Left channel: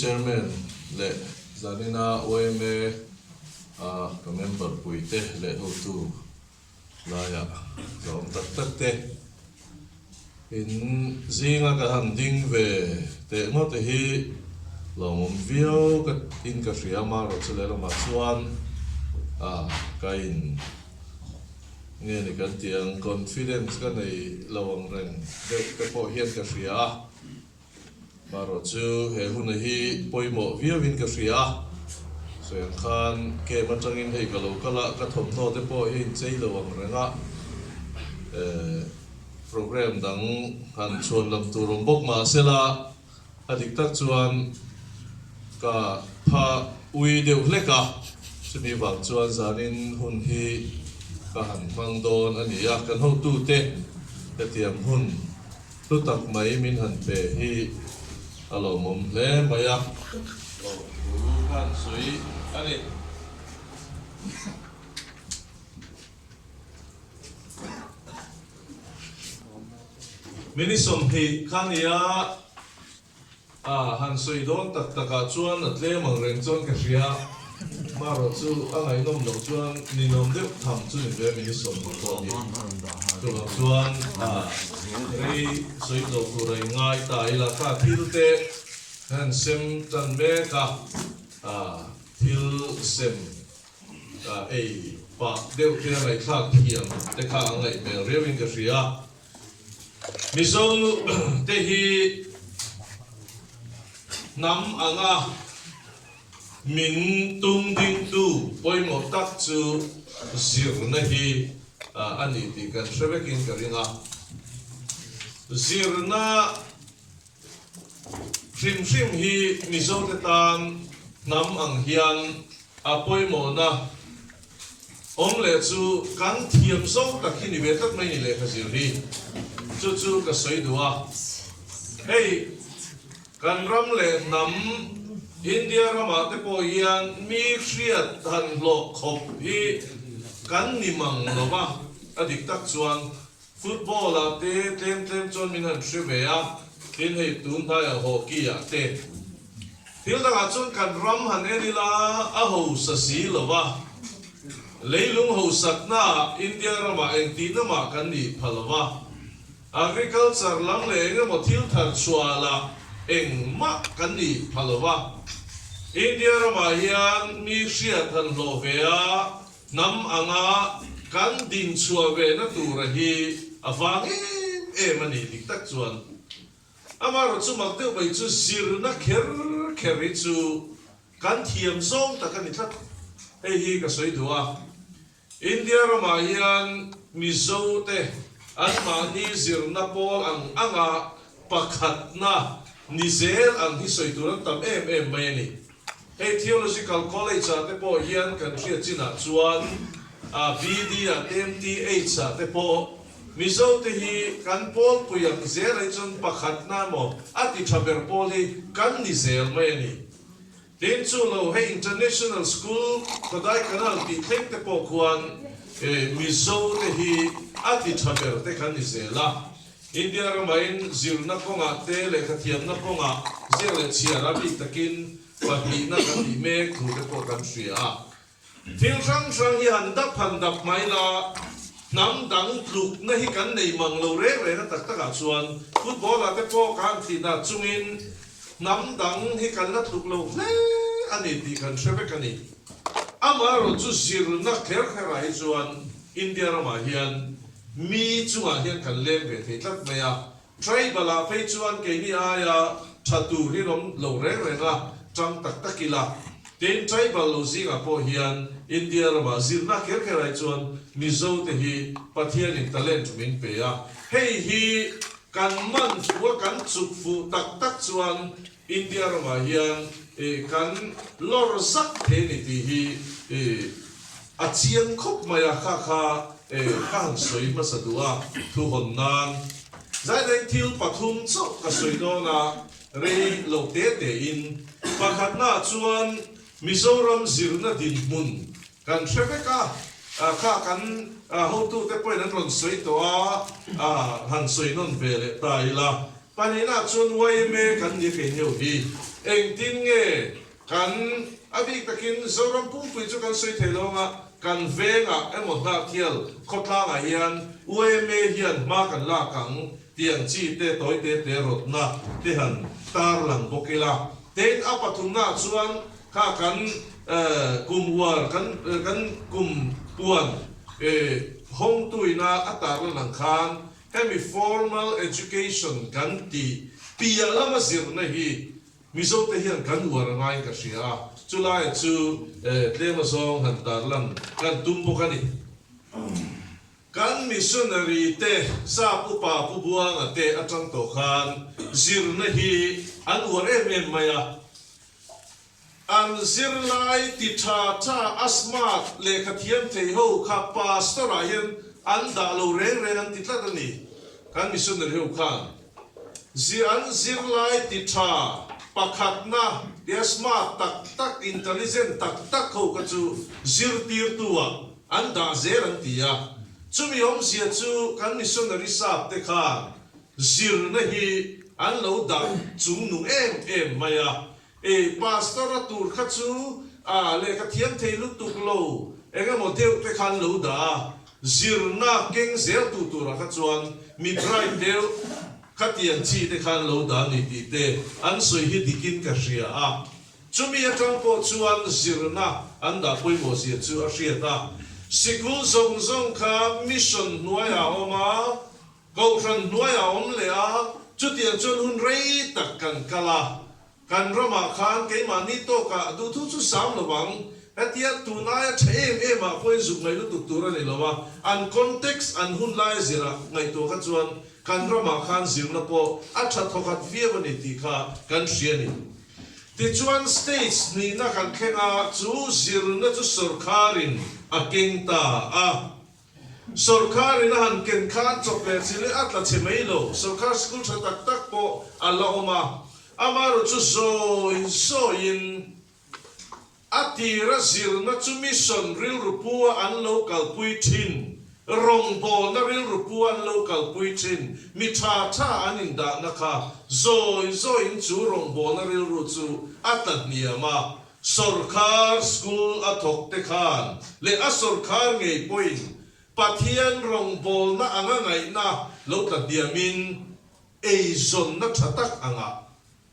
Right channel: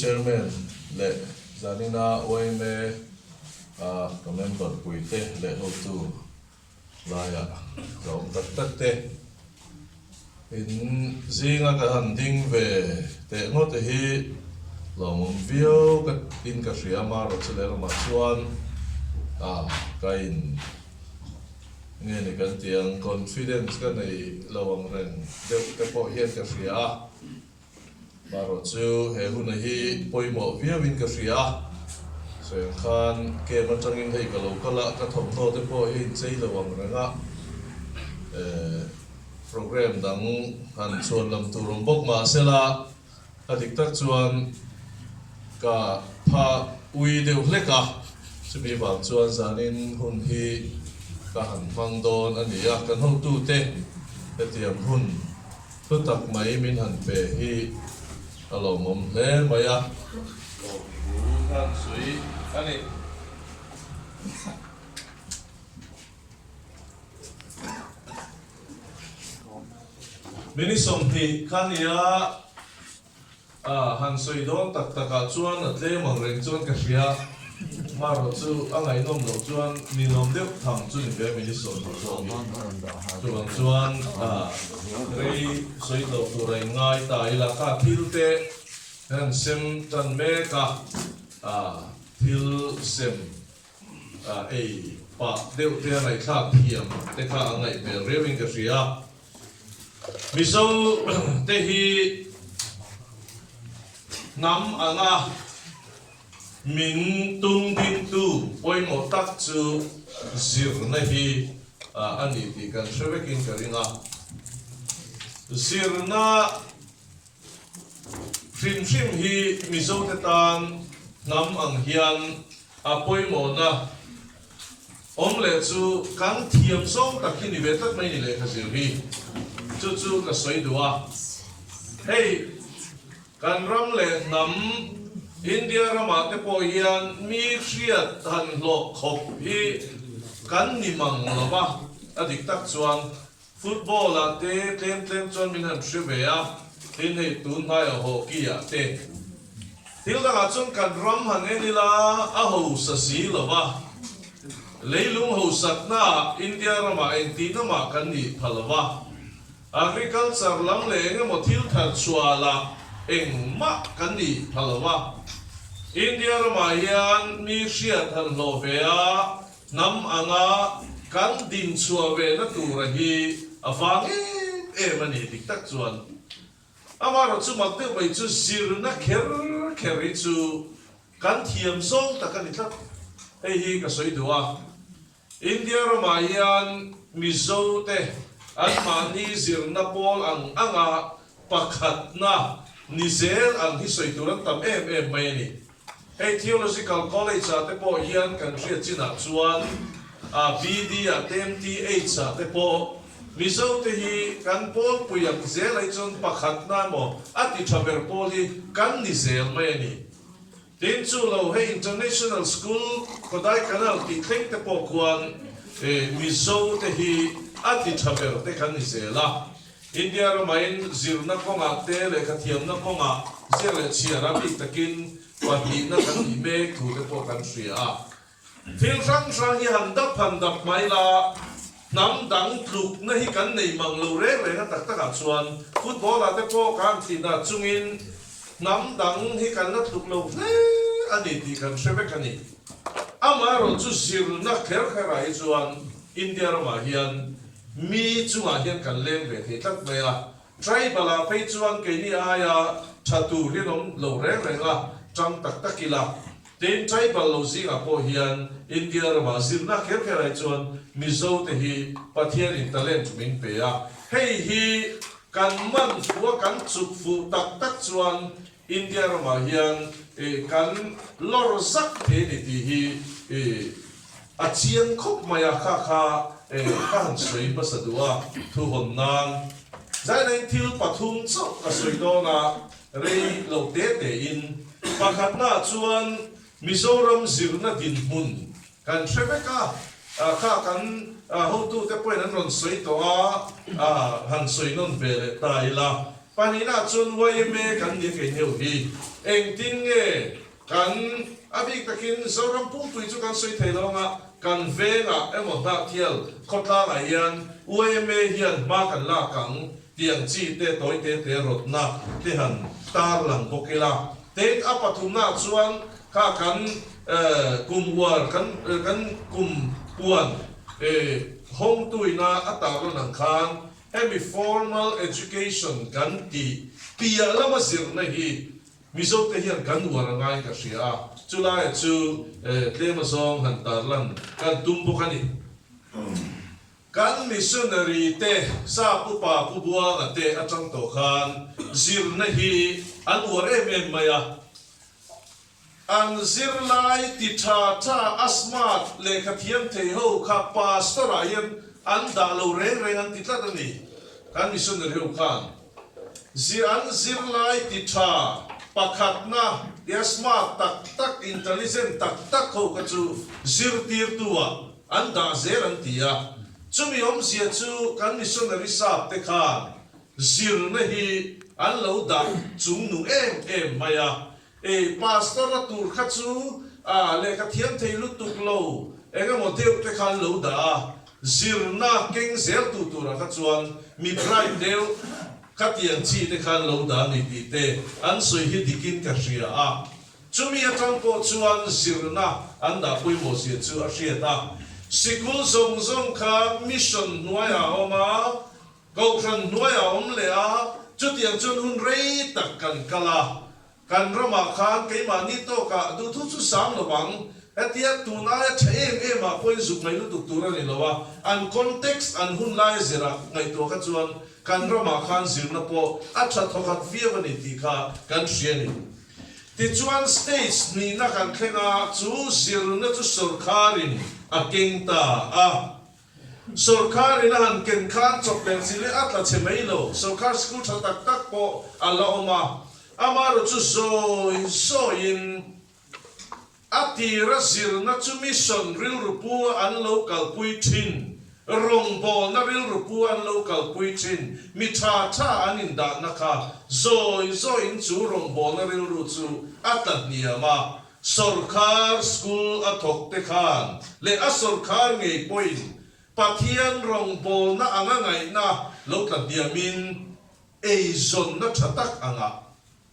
chairman le zanina YMA ka member puite le hotu laya zong tak te in zinga ka handing ve te mo te hi lomom view ka in ka shriama ro chler ma chuan ka in nge ni kan tiang confidence ka nei lawang ren de ka po hian ka shria maro chu he hun hi poimo view in ka shria so khan ke man changin hei ka lo kala ka thom tho te po hi chei lawang renga program dang han chuan lam turum bok ma sela adik tak chuan ka pha ui deuh hleka chumi wang chuan zanin hun hi ka han phang don ani a kan ho tu te tiam hun tu tak mai min han pe hi alo mom hle maya lo kan sui ani minisom hi khania han soi don tak taka chuan atle mang reng chuan ka hria maro chu angai nom lo chuan ni nom deuh tham chu ni be minisom lo ni chuan rei soi lo tu rei ngai ta ila ka philte han sem tan me ka phil sem ei pa deuh te ngai thak thiam te ka angai be rewing ka hria miso te hi nam anga min tung ding tu poimo tak chu Zirna hi ani ti kan shrebekin karinga Zirna shim hi miso te tan nam ang hian poimo na omle chu kan thiam so takhin ni vetak mai ni le khazir hi chu ka soi duwa hey kan ram le nam India rama te po hian mi hriat han lo khop hi kan nimang lova adik tak chuan football a te tlem chuan min han hriveya tin hei tun hai hockey a te thil danga chuan kan ram han enila a ho sa si lova leilung ho sakna India rama enti nama kan ni phalwa agriculture lang le ngamo thil thar chuala engma kan ni phalwa India rama hian mi hriat han lo vea nam anga kan din chua ve na tur hi awang mani dik tak chuan amaro chu mak te mai chu Zirna kher chu kan thiam song ta kan ithat hei hi ka soi duwa India rama hian mizo te an mani Zirna pol ang anga pakhat na nizel ang hisoi turan tam mai ni hey theological college te po hian kan ria china chuan BD TMTH te po mizo te hi kan pol puyam zel ai chon pakhat na mo ati thaber pol hi kan nizel mai ni tin chu lo hey international school kodai kanal ti theng te po khuan mizo te hi ati thaber te kan nizela India romain Zirna konga te le khathiam na konga zele chiara bi takin pahi na kan ni me thu ke po kan ria thil sang hi handap mai la nam dang tluk na hi kan nei mang lo re na tak tak chuan football a te po kan ti na chungin nam dang hi kan na tluk lo ani ti kan shebe kan ni amaro chu Zirna kher ai chuan India roma hian mi chunga hian kan leng ve the tak maya tribal a phei chuan ke ni aya thatu lirom lo re nga chang tak takila ten tribal lo zinga po hian India rama Zirna kher ai chuan mizo te hi pathian in talent min pe a hei hi kan man fuwa kan chuk fu tak chuan India rama hian kan lor zak the ni ti hi a chiang khop maya kha ka han soi masadua thu hon nan zai nai thil pathum chu ka soi do na rei lo te in pakhat na chuan Mizoram Zirna din hmun kan hrebeka kha kan ho tu te point an ron soi to han soi non vele ta ila panina chun YMA kan ni ke neu hi eng tin nge kan abi takin zoram pu chu kan soi thelonga kan venga emo Hnahthial khotla nga hian YMA hian ma kan la kang tiang chi te toi te rotna te han tar lang bokela te apathumna chuan ka kan kumpuan kan kumpuan home tuina atar lang khan hemi formal education kan ti pia lama zirna hi mizo te hian kan war ngai ka sia chulai chu tlema song han tar lan kan tumbo kani kan missionary te sa pupa pubuang ate atang to khan zirna hi an war maya an zirlai ti tha asmat le khathiam thei ho kha pastor ayan an da lo reng an ti tlat ani kan missionary ho khan zirlai ti tha pakhatna dia smart tak intelligent tak ho ka chu zirtir tuwa an da zer an tia chumi om sia chu kan missionary sap te khan zirna hi an lo da chung nu em maya pastor tur kha chu le ka thiam thei lu tuk lo enga mo deu te khan lo da zirna keng zel tu tur kha chuan mi trai deu khatian chi te khan lo da ni ti te an soi hi dikin ka ria chumi atang po chuan zirna an da poi mo sia chu a ria ta sikul zong kha mission nuaya oma go khan nuaya om le chutian chun hun rei tak kan kala kan rama khan ke mani to ka du thu chu sam lo bang atia tu na em a poi zuk ngai lu tu tur ni lo wa an context an hun lai zira ngai to ka chuan kan rama khan zirna po acha thokat viawa ni ti kha kan hriani ti chuan states ni na kan khenga chu zirna chu sarkarin akengta sarkarin han ken khan chokle sile atla chemelo sarkar school tha tak po aloma amaro chu so in atira zirna chu mission ril rupua an local puithin rongbo na ril rupua an local puithin mitha anin da nakha zo in chu rongbo na ril ru chu atat niama sarkar school athok te khan le a sarkar ngei point pathian rongbo na anga ngai na lo ta diamin zon na thatak anga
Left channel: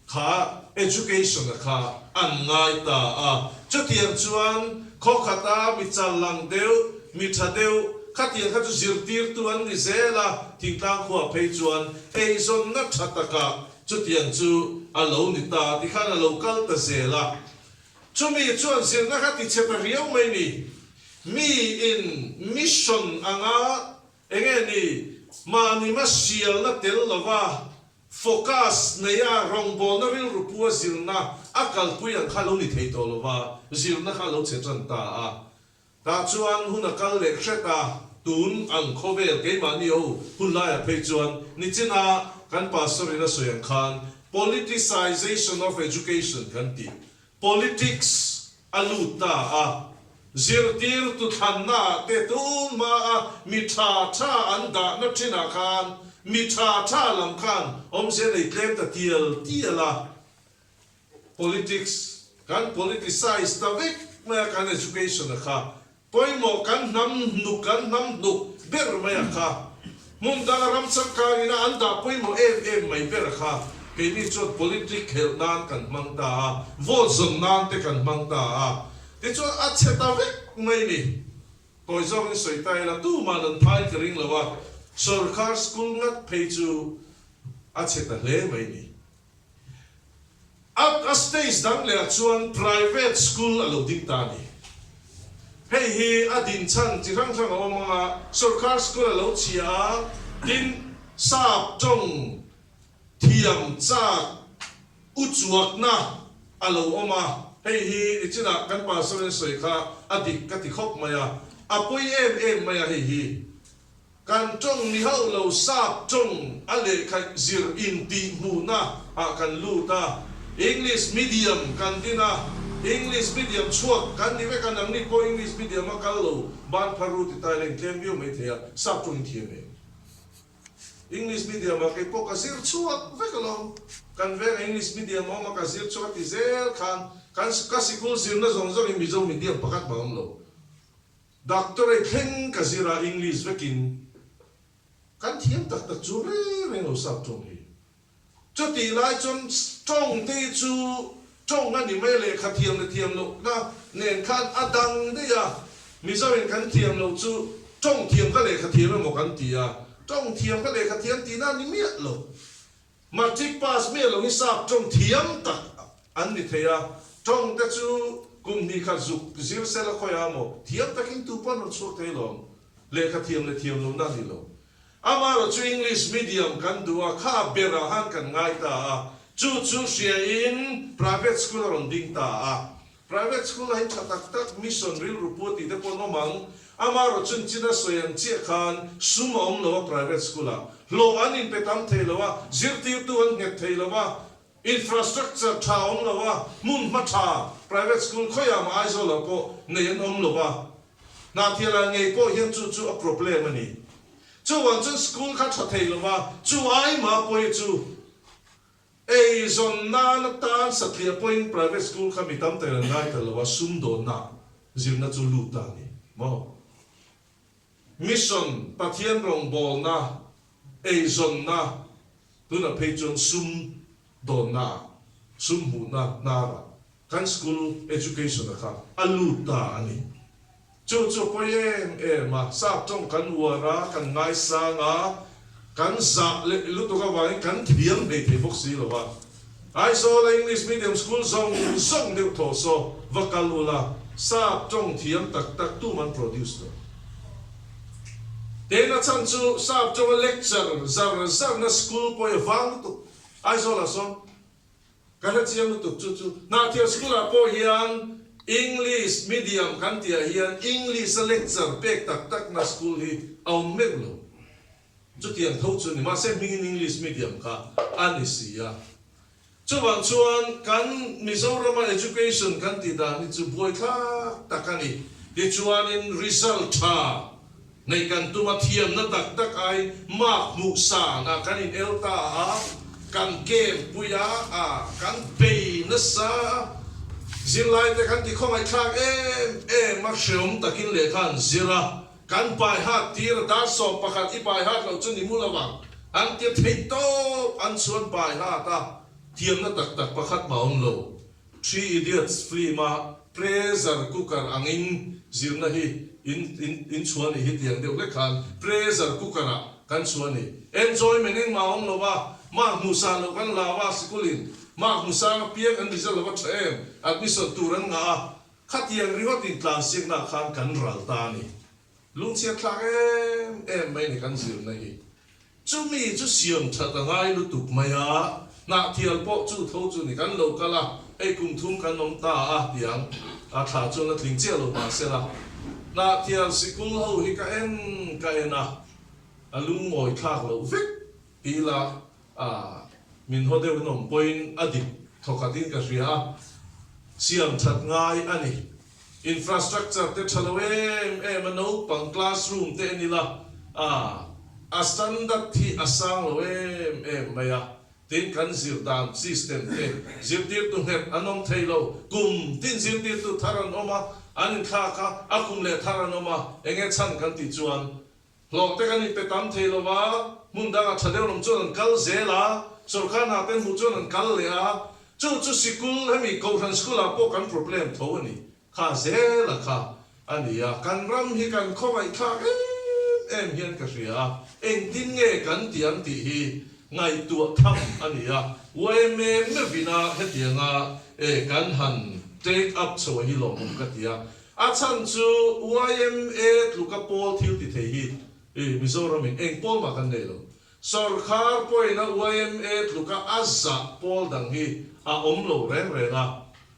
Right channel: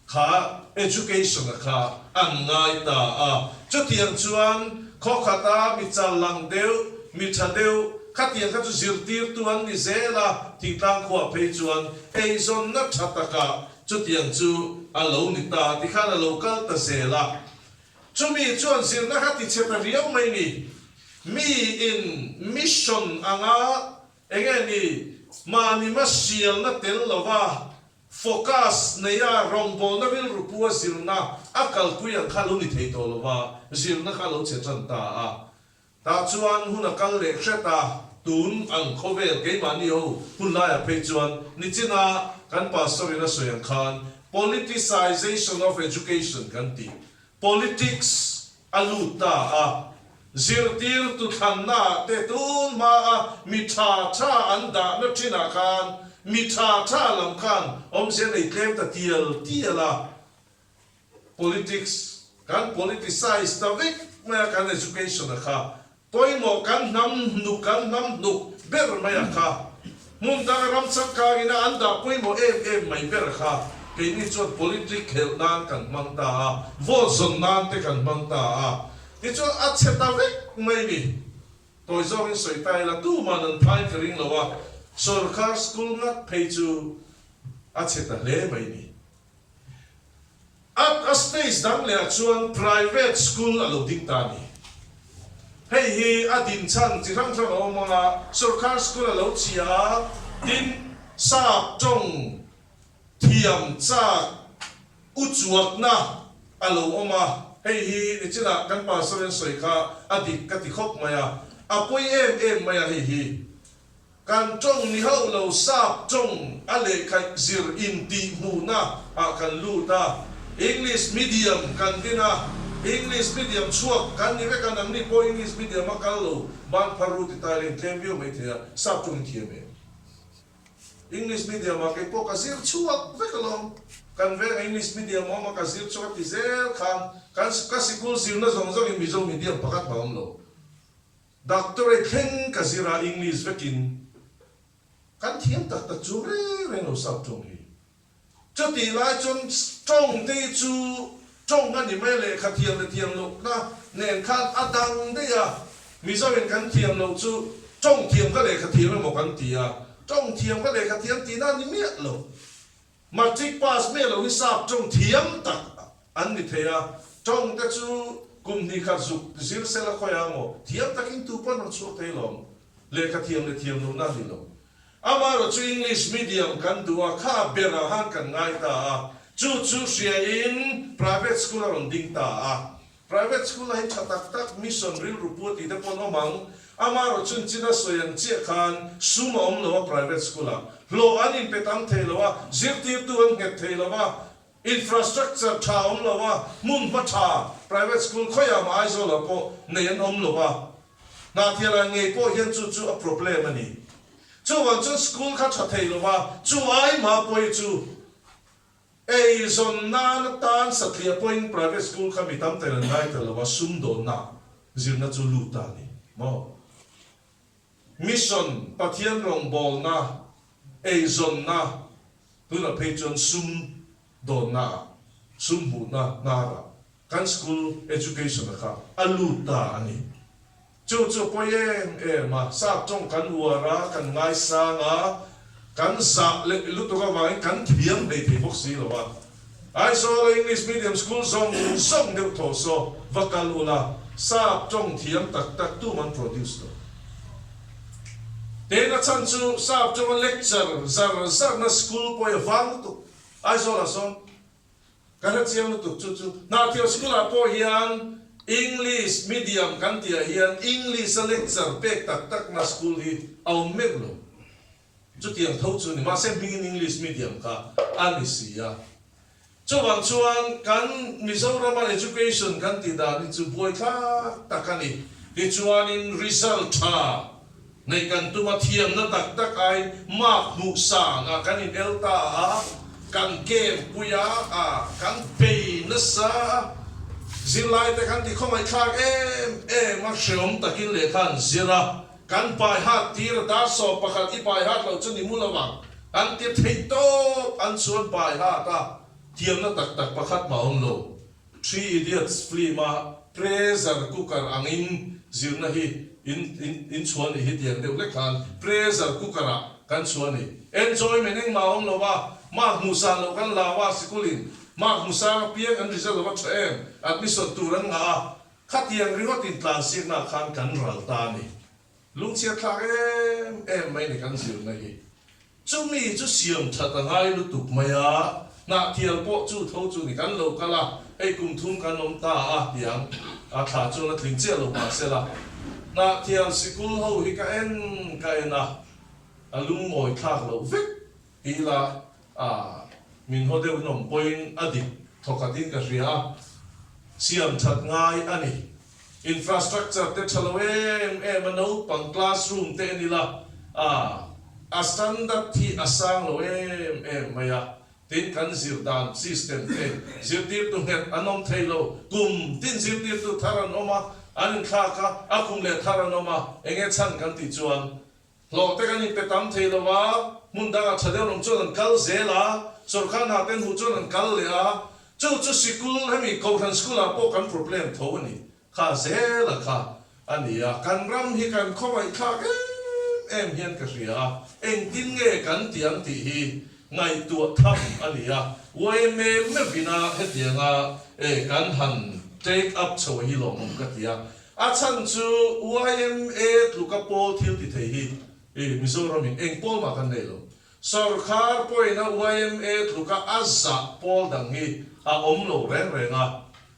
kha education kha an ngai ta chutiam chuan khokhata michal lang deu mitha deu khatian kha chu zirtir tuan ni zela tingtang kho phei chuan zon na thataka chutiam chu alo ni ta ti khan alo kal ta zela chumi chuan zirna kha ti cheta riau mai ni mi in mission anga engeni mani masial na tel lova focus neya rongbol na ril rupua zirna akal puyan khalo ni theito lova zirna khalo chetran ta chuan hun akal le theta tun ang khovel ke mani ho hunla ya phei chuan ni china kan pastor ina soyan khan politicization of education kan ti politics aluta zirtir tu thanna te tun ma mitha anda na thina khan mitha lam khan om se nei tlem ta tiala politics kan politicize ta vek ma kan education kha poimo kan nam nuk ber ma kha mun da ram chak ka ina anda poimo em mai ber kha ke ni chot political nan kan mang ta vo zon nan te kan mang ta ti chu a cheta vek mai ni toi zo in soi tai la tu man an phai kring lawa sarkar school ngat phei chu a cheta le mai ni at a stage dang le chuan private school alo ding ta ni hei hi adin chan chi thang o manga sarkar school alo chia tin sap chong thiam cha uchuak na alo oma hei hi ichina kan pa soren soi kha adik kati khop maya apoi em maya hi kan chong ni ho lo sap chong ale khai zir in ti nu na kan lu ta English medium kan dina English medium chuak kan ni ve kan ang ni po English medium akalo ban paru ti taleng tlem view mai thia sap chong thi me English medium mà cái po cái zir chuột với cái lòng kan Veng English medium mà cái zir chuột thì zir kan school Zirna zong zong Mizo medium pakat ba lo doctorate theng cái zira English với kin kan thiam tak tak chu re no sap chung hi cho ti lai chun trong te chu trong anh mai le kha thiam lo na nen khan adang de ya Mizo men kan thiam lo chu trong thiam ka le kha thiam lo mo kan ti ya trong thiam ka le kha thiam ti na ni mi lo matric pass me lo ni sap trong thiam tak an ni theya trong te chu kum ni kha zuk zir se la khoya mo thiam takin tu pon ro chu te lo le thiam lo na ni lo amaro chu English medium kan duwa kha bera han kan ngai ta chu share in private school ron ding ta private school ai chatak tak mission real report ti de pon mang amaro chun china soyan che khan sumom lo private school lo an in petam thelo zirti tu an nget thelo infrastructure town lo mun ma tha private school khoya ma ai zo lo po nen om lo Hnahthial nge po hian chu a problem ani chu wan chu school kha tha thelo chu ai ma poi chu ei zon na tan satlia point private school kha mi tam te ngai te lo sum do na Zirna chu lu ta ni mo mission pathian rong bol na ei zon na tu na patron sum do na sum bu na ra kan school education kha alu ta ani chu poem ma sa trong kan wara kan ngai sa nga kan sa le lu to ka wang kan thiam de thi bok si lo wa ai so English medium school song de tho so vakal ula sa trong thiam tak tu man produce lo te na chan chu sa trong lecture zar na school po wang tu ai so la so kan chiam tu chu Hnahthial school a po hian English medium kan tia hian English lecture pek tak na school hi au meglo chu tiang tho chu ni ma se ming English medium kha ani sia chu wang chuan kan Mizoram education kan ti da ni chu boy kha takani ti chuan in result tha nei kan tu ma thiam na tak ai mak mu sa na kan in elta kan game puya kan pay na sa zilai te kan ti khomai thak mak shom takin le khan zira kan pai hat tir da so pakhat I pai hat lo chun ni mu lawang an ti thei to an chuan pai ha ta thiam na tak pakhat ma on lo 3 idiots flea ma pressure cooker angin Zirna hi in chuan hi tiang de le khan pressure cooker kan chuan ni enjoy meneng ma on lo wa ma musa lo kan la wa sikulin ma musa piang an result wa em admission turan nga khat yang riwa tin tlan sik na khan kan ral ta ni lung chia thak em mai ni kan Zirna hi chu mi chu siam tha ta ngai lu tuk maya Hnahthial po chu tho chu ni kan lo kala ei kum thum kan nom ta tiang tha chu na thing che lo ma se la Hnahthial school ho hi ka en na alung moi thak lo vek ti la min ho de nom point adik thokatin ka ria siam that ngai ani infrastructure te thalo no pang classroom te ni la standard thi asang lo maya tin kan zir dan system te zir tir tu net anom thailo kum tin zir tir tu tharan oma an kha akum le tharan oma enge chan kan ti chuan lo te kan pe tam thailo wa mun da ga thadeu nom chuan kal zela sorkhan ha ten hu chuan kal le chu school hemi kohan school a po kan problem tho ni kha zela kha ania kan ram hi kan khomai kha em hian ka ria eng tin nge kan tiang ti hi ngai tu tham ania YMA me vina hetianga kan han take up cho hi long ka tia chan chu YMA lukapo thil ti thei hi Mizoram eng pol ma kan nei lo sarkar poina YMA luka azza pol dang hi om lo reng nga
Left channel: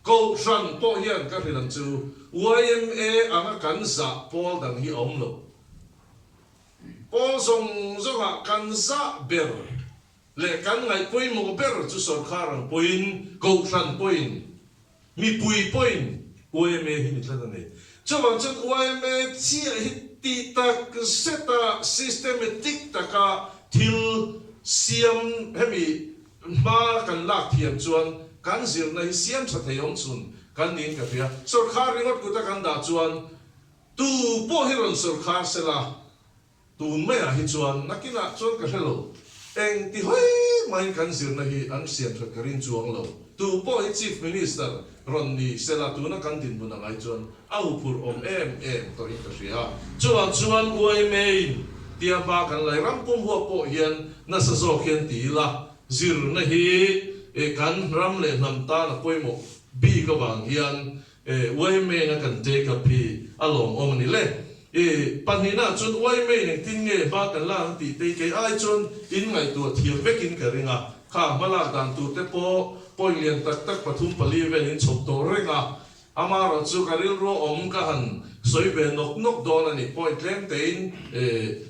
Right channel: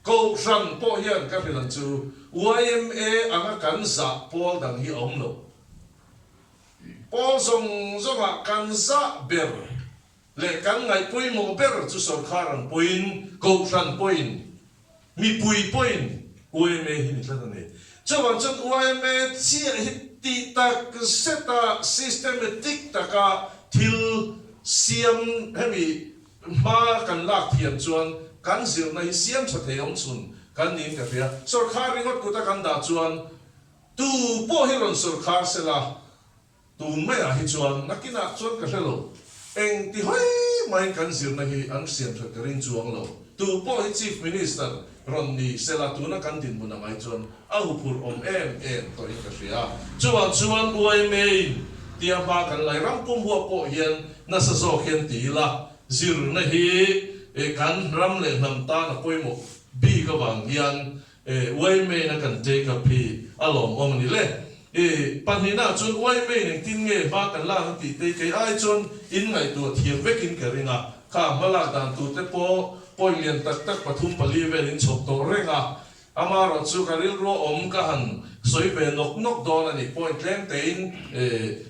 ko ran po hian ka filan chu YMA anga kan za pol dang hi om lo pol zong kan za ber le kan ngai pui mo ber chu sarkar ang puin ko ran puin mi pui puin YMA hi ni tlan nei chuan YMA chi hi ti tak seta systematic taka thil siam hemi ma kan lak thiam chuan kan Zirna hi siam tha theom chun kan nin ka thia sarkar ringot kuta kan da chuan tu po hiron sarkar sela tu mai a hi chuan nakina chuan ka hrelo eng ti hoi mai kan Zirna hi an siam tha ka rin chuang lo tu po hi chief minister ron ni sela tu na kan din mun ngai chuan au phur em to in ka ria chuan YMA tia ba kan lai ram pum ho po hian na sa zo hian ti la Zirna hi kan ram le nam ta na poimo bi ka bang hian YMA na kan te ka pi alom ong ni le panina chun YMA ning tin nge ba kan la ti te ke ai chun in ngai tu thiam vekin ka ringa kha mala dan tu te po lian tak pathum pali velin chop to renga amaro chu karil ro om ka han soi ve nok don ani point lem te in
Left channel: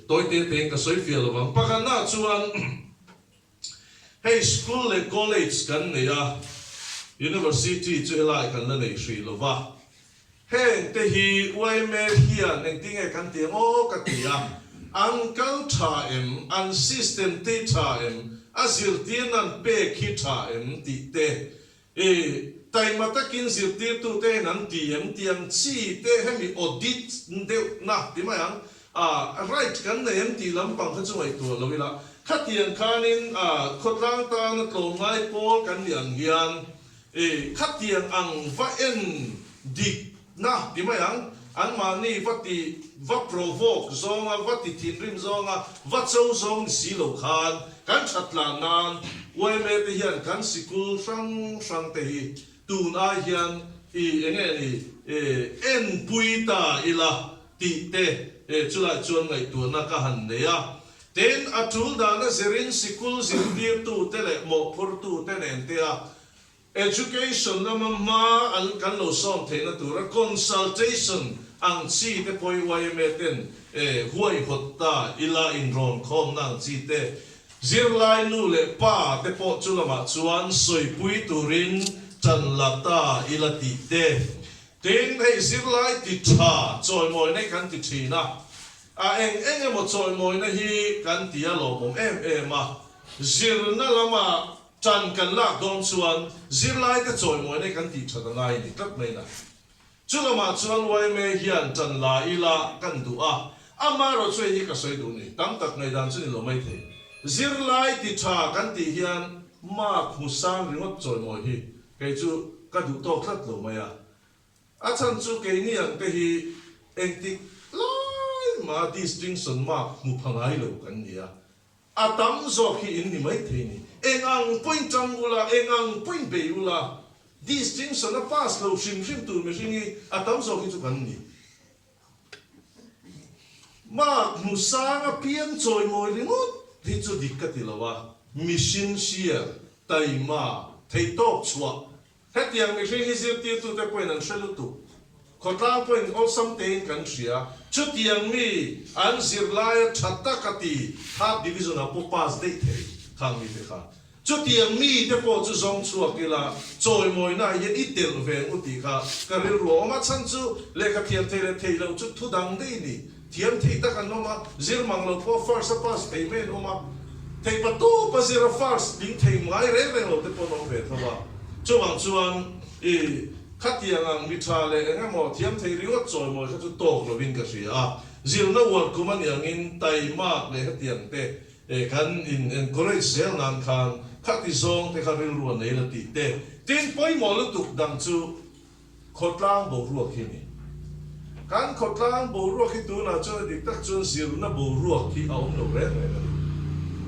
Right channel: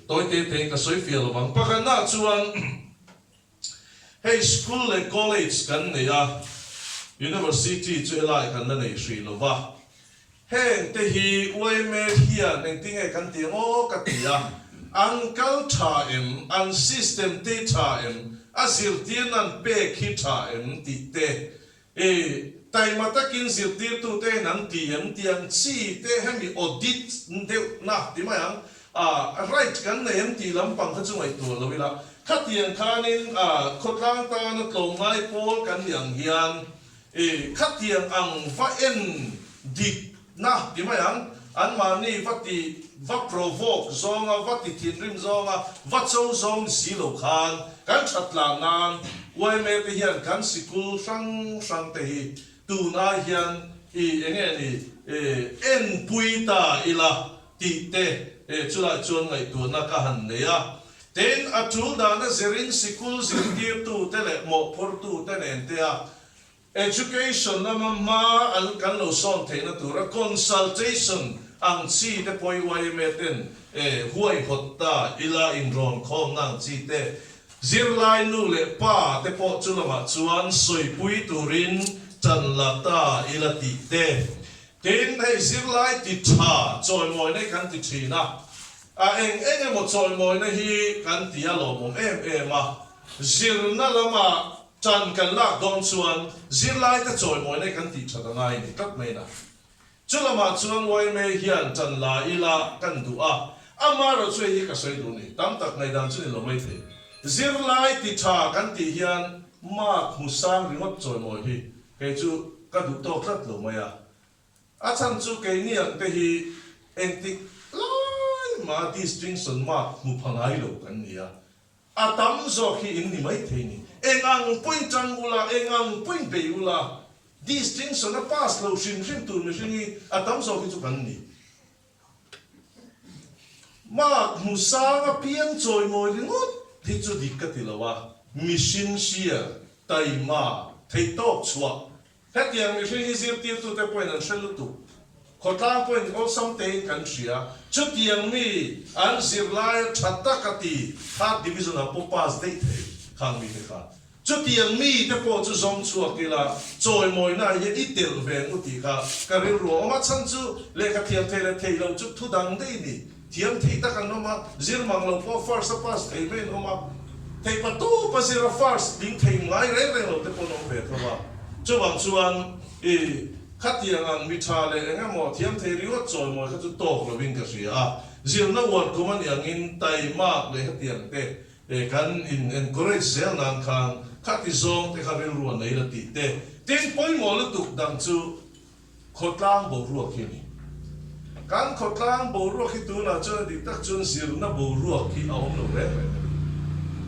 toy te ka soi fiel wang pakana chuan hey school le college kan ne ya university chu lai kan la nei sri lova heng te hi YMA hian eng tinge kan ti ngo ka ti ya an culture an system te tha azir tian an pe khi tha ti te tai mata kin zir ti tu te nan tiang chi te hemi audit de na ti ma yang right kan ne ti lam pang kha chungai tu lo ila khatian khanin khotlang ta na tlom ngai pol kan liang hian khatian ang va en dik na ti ma yang an mani vati va provoke zonga vati tinrim zonga va chou zong si lo khan kan chatla nan YMA te hian kan sikul sang te hi tu na hian enge ni en puita ila ti te chula chuan ngai tu na ka han ne ya ten atul da na zerin sikul zirtir tu te le mo phur tu te nen te a education na ma an kan lo son the na tu ra consultation ang chi te poi YMA ten huai hotta ila in ron khom nang chi te zirlai nu le pa te po chulama chuan soi pui turin chan lata ila ti te ten hei zirlai ti tha choi moi ne kan ti thina eng mo choi moi na hi kan ti a lo mom ma Zirna lama chan kan lak don chuan zirlai ka choi moi ne kan ti tha ngai ni tak mai na chulama chuan YMA hian chan la ila kan du amaro choi hi ka soi du ni tam tak ngai dan chu ni lo mai the zirlai ti tha kan ti hian ma khusang ringot choi moi hi ke chu ka du to thlat lo mai a chan chu ke ni an te hi en ti lai ma distinction ma mu phangai lo kan ni a tam zo hi in ni mai the ni engang point chang ula engang point be ula distinction a pass lo shim tu mi shingi a tam zo hi chu kan ni ma musang a pian choi moi ringot thi chu dikati lawa mission share taima thei top chua hetiang mi hi zir ti tu te point an shelu tu khotang point all something kan sia chu tiang mi an zirlai thatta kati third division a po pass dei thei khang mi te kha chu tiang mi te po chu zong chua kila choi moi na ye itel veng uti kha karil ro ma chan chu le ka thiam thei thei lo chu thu dang dei ni thiam thei ta kan no ma zir mang lo po first pass thei me no ma thei pa tu pa zira first ding thei ngai re lo te po no ve thawa chuan khatiang ang mitha le nga mo thiam thei riwa choi moi kha chu tok lo wing ka sia Zirna word kuman yang in tai ma le khatiang te kan in encourage sel nan khan khati zong te kharil ru nei la ti te tin poi mo lu tuk dang chu khotlang bo ru khi ni kan khotlang bo ru khi tu na chu di tak chun Zirna bo ru khi aum lo re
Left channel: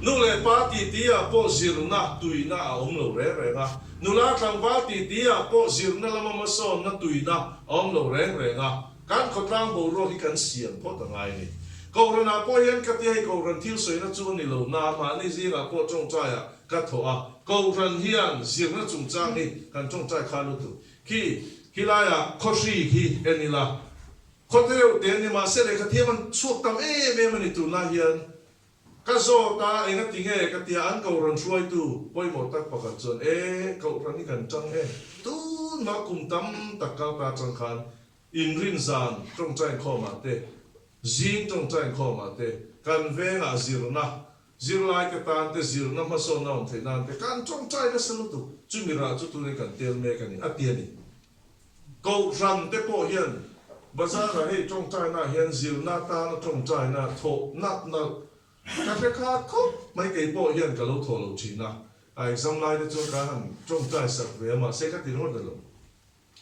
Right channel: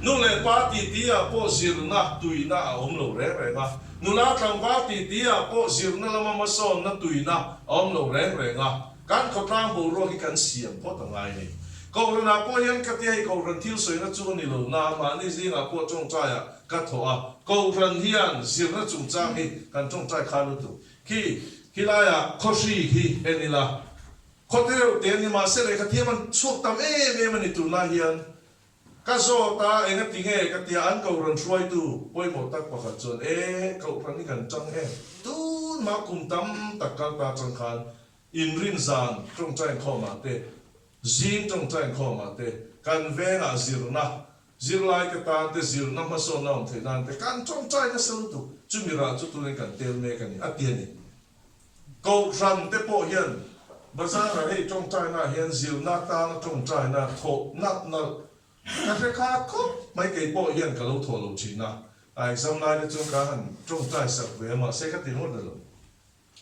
nu le party ti a po Zirna tuina aum lo re nga nula tlang party ti a po Zirna lama ma son na tuina aum lo re nga kan khotlang bo ru khi kan siam po ta ngai ni ko rana po yan ka ti ai ko ran thil soi na chu ni lo na ma ni zinga po chong cha ya ka tho a ko ran hian Zirna chung cha ni kan chong cha kha lu tu ki la ya khoshi hi enila khotel te ni ma se le ka ti man chuak tam man ni tu na hian ka zo ta enga tinge ka ti an ko ran suai tu poi mo tak pa ka chon ko ran ni kan chang tu ma kum tam tak ka ta chang khan in rin zan trong chang kho ma te zin trong chang kho ma te kan venga Zirna Zirlai ke ta te Zirna ma so na the nan te kan chong chai na selu tu chumira chu tu ne kan tel me kan ni atiani ko ram te po hian Bazar hei chong chai na hian Zirna ta na chong chai na tho nat na ka fe kha ko mai ke po hian ka lo tho lo chi na ai sam lai de chong ka han chong chai sak ve ma se ka ti no de lo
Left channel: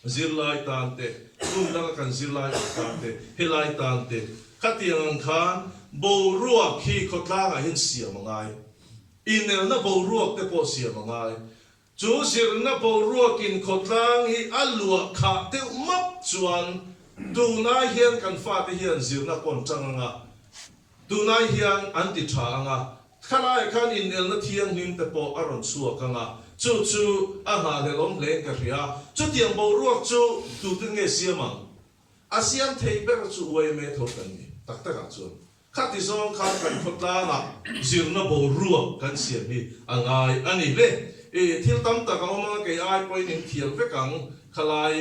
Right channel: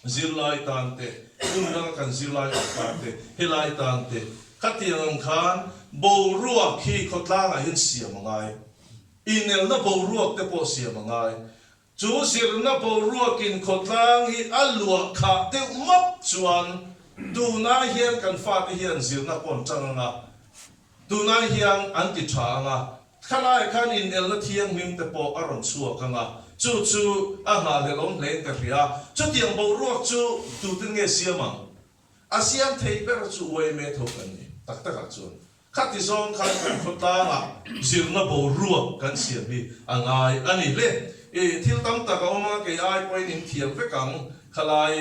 Zirlai tan te un na kan Zirlai tan te helai tan te khatiang khan bo ruak khi khotlang a hin sia mangai inel na bo ruak te po sia mangai chu Zirna bo ruak in khotlang hi alua kha te map chuan du na hian kan fa te hian Zirna pon changa du na hian anti thanga khalai khan inel na thiang him te po aron chuak kanga chu a ha le lom len ka ria chu tiang bo ruak chu du te nge sia mang asiam thei ber chu YMA tho kan ni tak tak chu khati song khan kan khota nga Zirna bo ruak kan siam hi angai ani le thil tam ta ka oma ke ai point in thiam ve kang khalai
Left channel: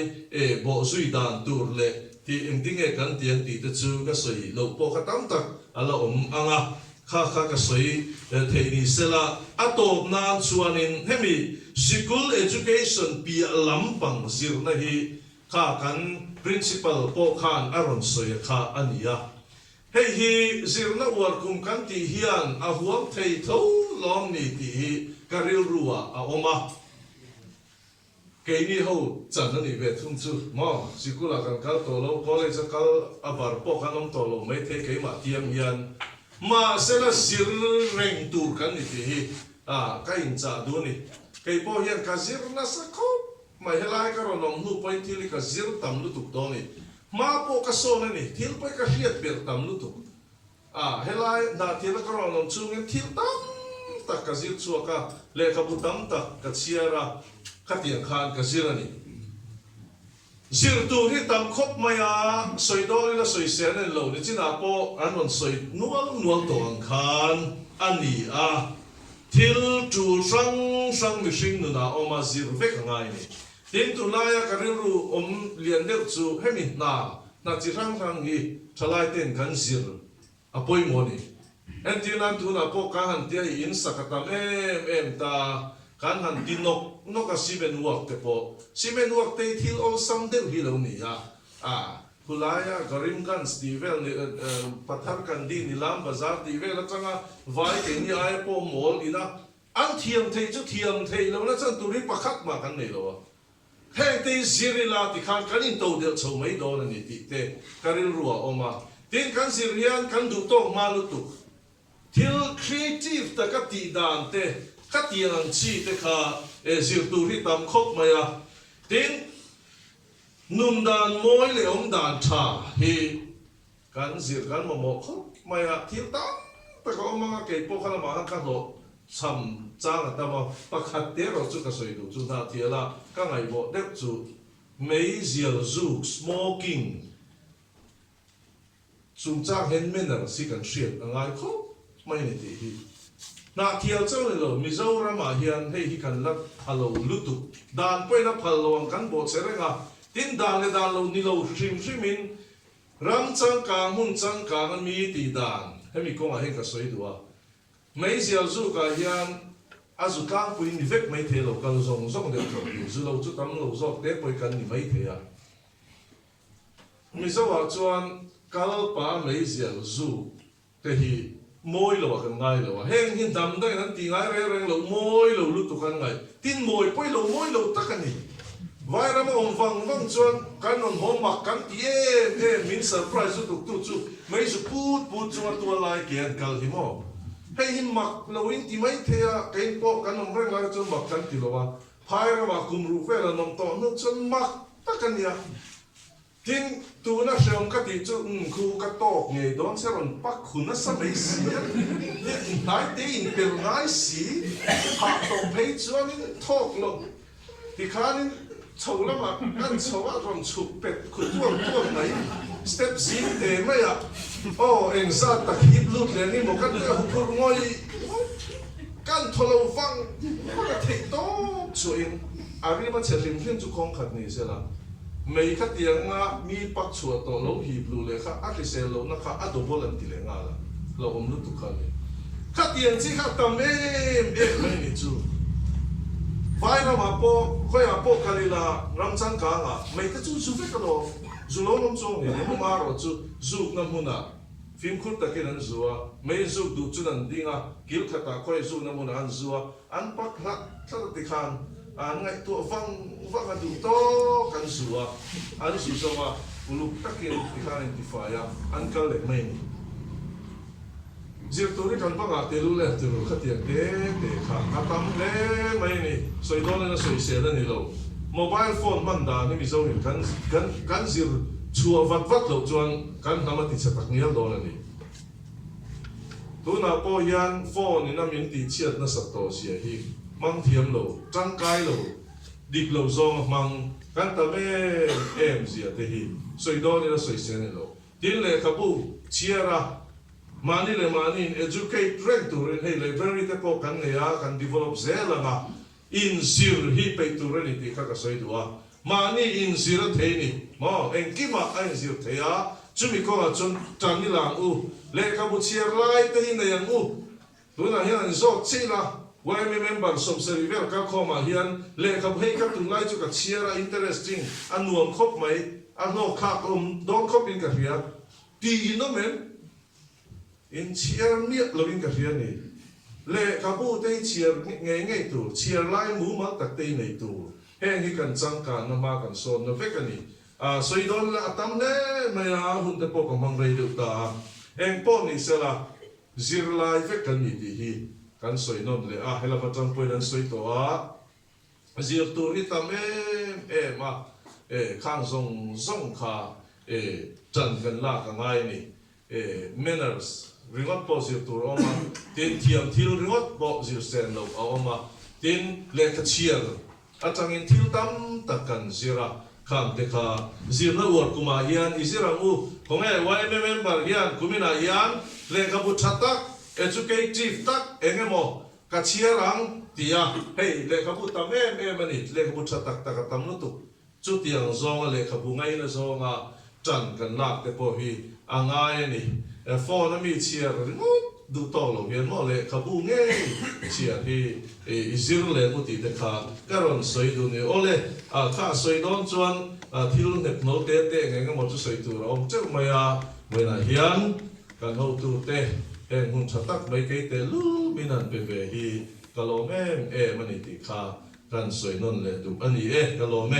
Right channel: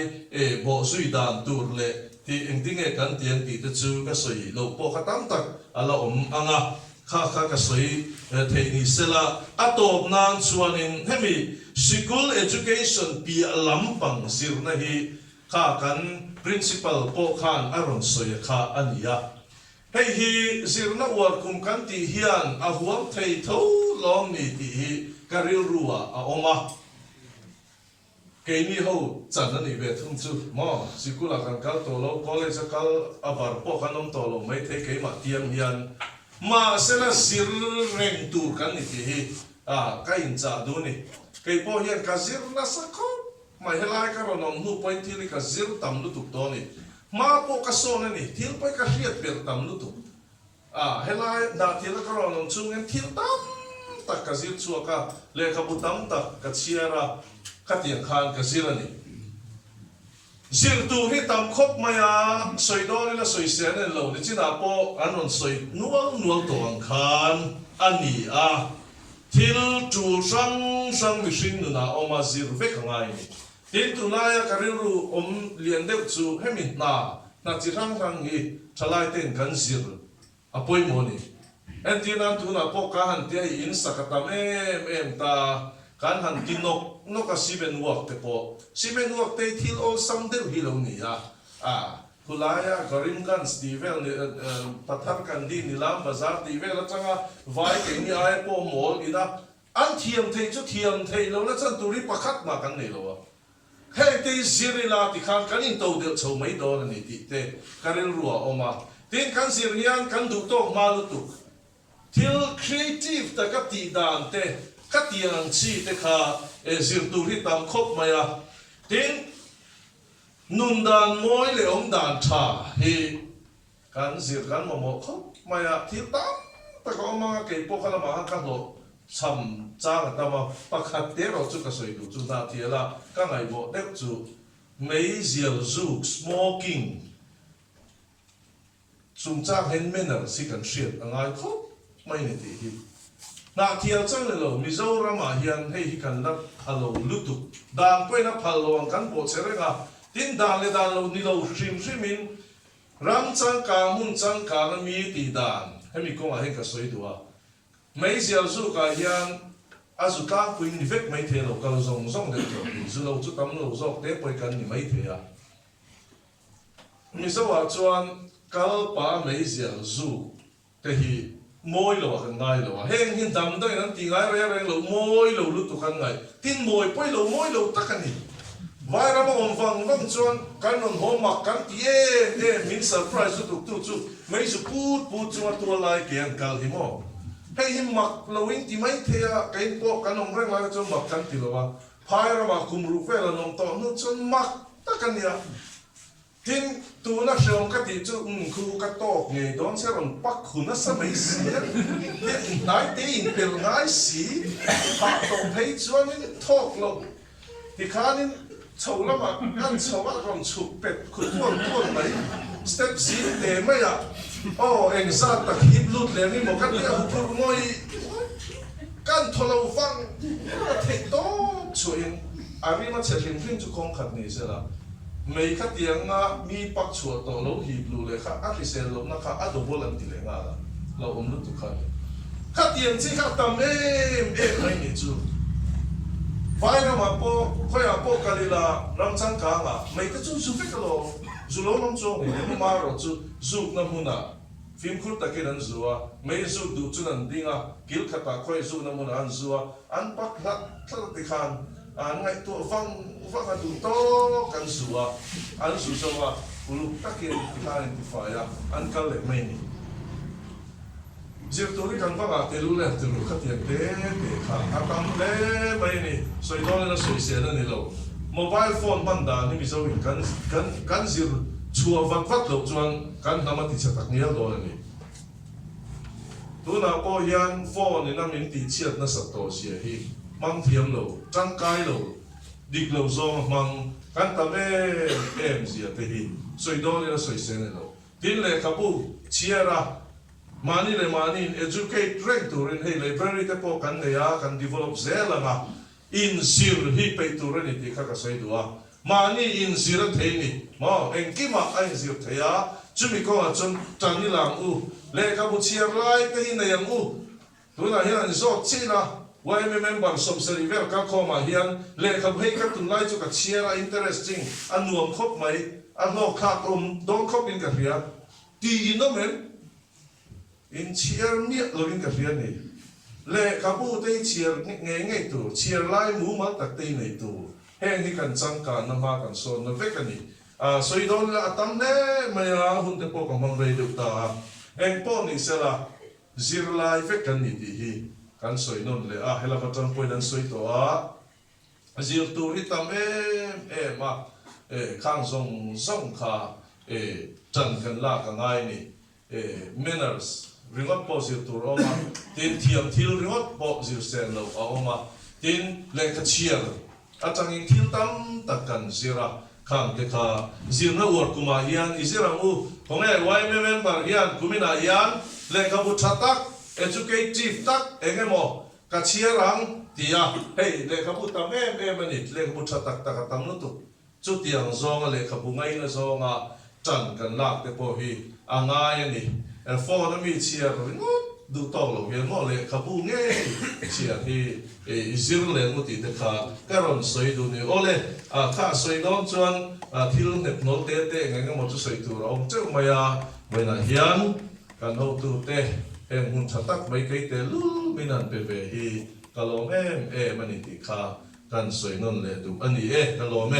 bo sui dan tur le ti engding e kan tiang ti te chu ka soi lo po khatam tak ala anga kha ka soi thei ni sela atop nan chuanin hemi school education pi lampang Zirna hi kha kan principal po khan aron soi kha ania hei hi Zirna war kum kan ti hian a huam thei tho lom ni ti hi karil ruwa a oma ke ni ho chan ni ve thum chu mo sikula kan kal to lo college kal abar po kanom to lo mai the ke ma tiam hian ma sena zir reng tu kan ni ti hi ka in cha du ni ke po hian ka Zirna sakho mai helai ka ronom nu point thili ka zir tam lu tu to ni ma po ka so na ni thil pai ka hiat ber tam lu tu helai da thil ka ronom chung en thil tam tak ka zir chu ka le ka bu tam tak ka chiara ka tiang khan ka zir ani zir tu hi tam khop maya soi do ni la soi sen en lo ni china po anon soi nual to ang khan ani thil tu sang mi shin nu na oma zir ve ka ngai ni tin tu la ya kariru lian deu chu hemi na chi rang hi thalai ten kan zir apoi mo ni en tin an tu na po ka han te in sakatam em ta kan han tinok no ka siben wak te po siben wak te thil o sam deu hi lo ni kulaya garim kan stivel pathar kan di nilam bazar di vel changa vai ke ni ai po mol ina an thiam thei chu thiam thei lo na chan turi pakhat ma kan nei lo hei te zirila ti khan kan in to de chho mai do ni ti te karil ruwa oma tin kan sirian kan du to ma lu tu thil creative ta ka ti dan te ka ti ang chi te kha zir tu ri tam khop maya tin nun dan moi le dan tha hi kan zir kan mo khop maya thil tam ta ko ma ke po khala ma ka lo cham chang ta ma pakhat te ro chu ka soi du chu Hnahthiala ka ngai bo dep chu mei zial zuk smoking chung chang hen men si kan hriat angai khop mai ni ti hi Hnahthial chang le lo Mizoram a hian hei hi kan lat halo lutu dan poi na phalo ang kan bo serenga tin dan le dan lo ni lo hrim in ram chang ka mun chang ka na mi ti dan hemi ko ma hen ka soi du mấy giờ dù cả hiền azu ta quên đi vết mấy thế lâu cần dùng được rồi dù lâu chút tắm lâu rồi để bồi cần thì mấy thế mình sẽ bảo chuan cal pa mấy giờ dù thế thì môi lâu cần ngay lâu heng hin đam đây nó tiếng ai vậy rồi lâu môi lâu lúc tụ cần ngay tin môi môi lâu tất cả đi vài năm ông vang chuan cái non hôm mặc cái mình surprise tụ chút mấy số put chuan tua lại kiện cal thì mo hei hi mak loing ti mai thea kai po kanom reng la chon mak kan ti lo wa phai ra ma kum ru fe la nom to no chon mak ta kan ya tin tu na shom ka ti chu khu ka to nge don se ron pak khu na sa mai si nai te in pel ngai si ha to pei chuan in thok lo ti khanin chou la ma kan chou a ron chu pet khu tuang mai step zin te mai ya en sa ta hip lut le ni mo kan ka hu ngoi kan tholo fang the to chuin ari ma chelim fin chu khong khat ni se la mei kha tianga mi pak chu to lo hi blu le kha a ri se lo na kha a do bolan ti le nga la lo om lu tu kha khát tiền chỉ khát tầm em mấy nị chú vai cái mà po cái là làm chân cả à mấy cái chú phết cái lo chú lo nông trồng này nếu mà rồi chú nằm huna phim khurt ta cáiนั้นchú à mấy chú đủ chúนั้นđi à kiểu khát ta khơi chú nằm huna ăn chú à ăn bắt khát thì khan ăn ngay tua vang cái đủ to cái chú à ăn chú sao à lúc ta cái thì khan thì phải à ăn cái lệ mấy nị Zirna kan banga telu le telu khatiang te kha atam le mai ni soidon na soise na ni lo mobile phone banda ni mi zo kan zir chua vat lo chuan kan nama ti chatak nial do la ni tu na po yan phone ni na min ti chiat na sa to sia hi mang thiam lo chang kai lo dik lo zong mang kan ta ve em sia te hi soidon na soise ni lo tin le kabu chiara mani le mani educate rank to ren hey library te po kan ne ya kan develop zela nga in sir hi pe to ren ti kha ka soi duwa mani in sir the ni mo en ki ma ai sir the ya chumi ko a chon tan ni lam u le ka bu chiar lai te hi na yang u tu na hian zo chi la YMA member som seri ver ka ko ma hian le ka hei ka tu lai chu ka chiara interesting anuam khop mai ano kha don khop in ka hia ti no men in chiar miat lo in ka hian ni le ka bu te chiar nge tu chiar lai mu ma tak te nei tu heng hi kan chang ka na ma kan so na vek ani soidon la atam ne maya hun te po ko mang rei du ta heng po ni sela zir lai vek kan ni ti hi kan soinon le hela batang point an soi to zir tu ri tam ma khang zong kha chan kan la ka ngai ni manners ringot po zir tur oma tin thiam thil ringot po zir sen lo oma tin le ka chiar atang in thil tam takan zira khang te kha zirna ur kuma hian izira mu konge YMA member hian kumina hian le ka bu thatak educative tak engemo ka chiarang tia hey le ka bu tam ani le ka bu thatak ta ka tam nu tu chu tiang zong le ka bu ngai na zonga chan kan lak te po hi angai ani phone mi chiar du to lo hian mo le khabu nge chia hi zir le mu ti te kha karon soi du ni ole kha soi don chuan thil net no te nge mo chu soi tu ro chu maya na hian kan ho tu te hun chatak mai ke te lu minan pe ve hi kalom mani ti kha kan soi non le tu ani kalom